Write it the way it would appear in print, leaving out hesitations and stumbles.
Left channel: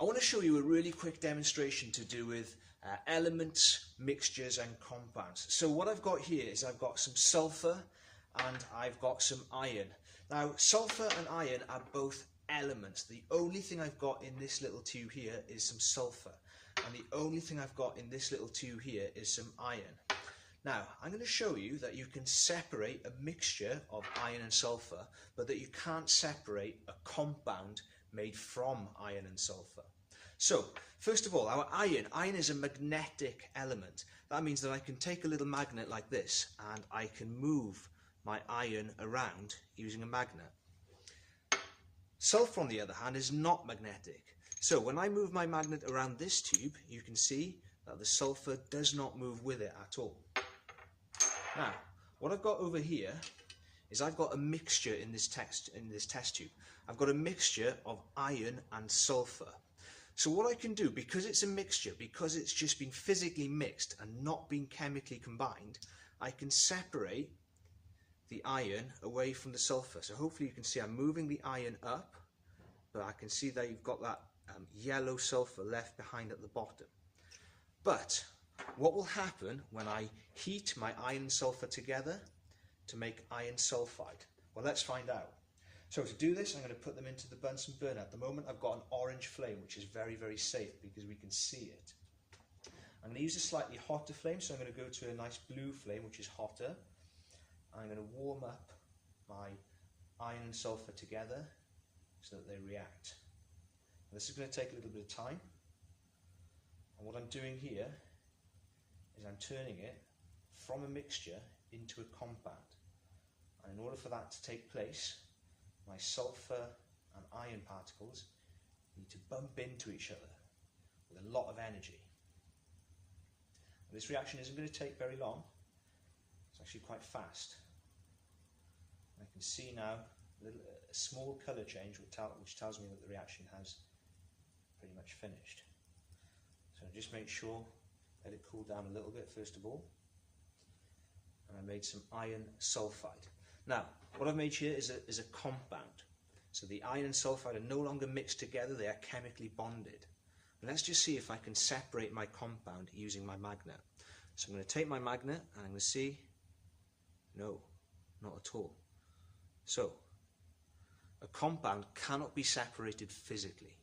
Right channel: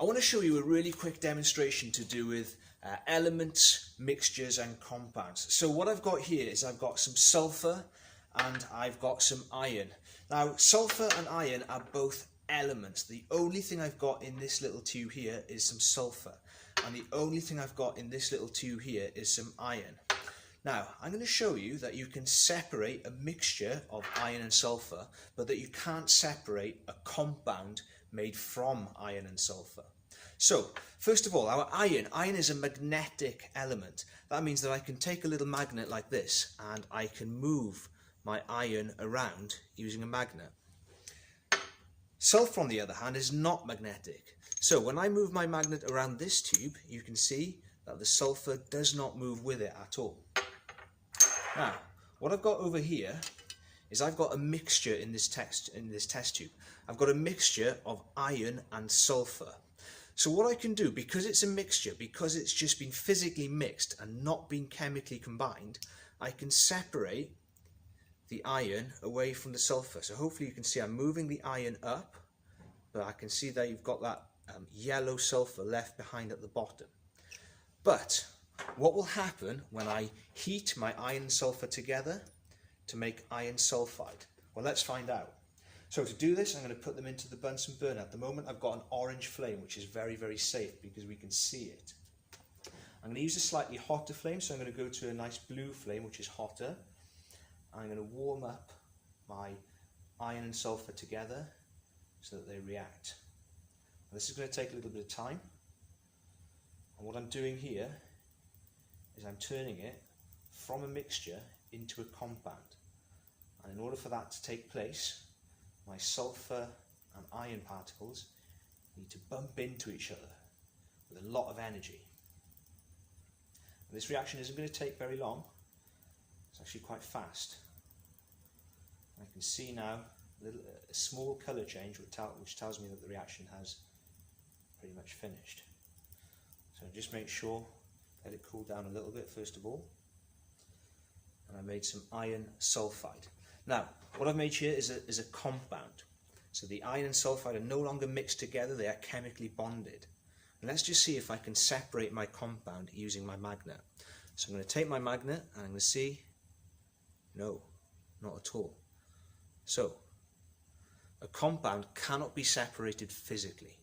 I want to show you a really quick demonstration to do with elements, mixtures and compounds. So what I've got here is I've got some sulfur and I've got some iron. Now sulfur and iron are both elements. The only thing I've got in this little tube here is some sulfur, and the only thing I've got in this little tube here is some iron. Now I'm going to show you that you can separate a mixture of iron and sulfur, but that you can't separate a compound made from iron and sulfur. So first of all, our iron is a magnetic element. That means that I can take a little magnet like this and I can move my iron around using a magnet. Sulfur on the other hand is not magnetic. So when I move my magnet around this tube, you can see that the sulfur does not move with it at all. Now, what I've got over here is I've got a mixture in this test tube. I've got a mixture of iron and sulfur. So what I can do, because it's a mixture, because it's just been physically mixed and not been chemically combined, I can separate the iron away from the sulfur. So hopefully you can see I'm moving the iron up, but I can see that you've got that yellow sulfur left behind at the bottom. But what will happen when I heat my iron and sulfur together to make iron sulfide? Well, let's find out. So to do this, I'm going to put them into the Bunsen burner. At the moment, I've got an orange flame, which is very, very safe because we can see it. I'm going to use a slightly hotter flame, so I'm going to go to a nice blue flame, which is hotter. I'm going to warm up my iron and sulfur together so that they react. And this is going to take a little bit of time. And what I'm doing here is I'm turning it from a mixture into a compound. And in order for that to take place, my sulfur and iron particles need to bump into each other with a lot of energy. And this reaction isn't going to take very long. It's actually quite fast. I can see now a small colour change which tells me that the reaction has pretty much finished. So just make sure, let it cool down a little bit first of all. And I made some iron sulfide. Now, what I've made here is a compound. So the iron and sulfide are no longer mixed together, they are chemically bonded. And let's just see if I can separate my compound using my magnet. So I'm going to take my magnet and I'm going to see, no, not at all. So, a compound cannot be separated physically.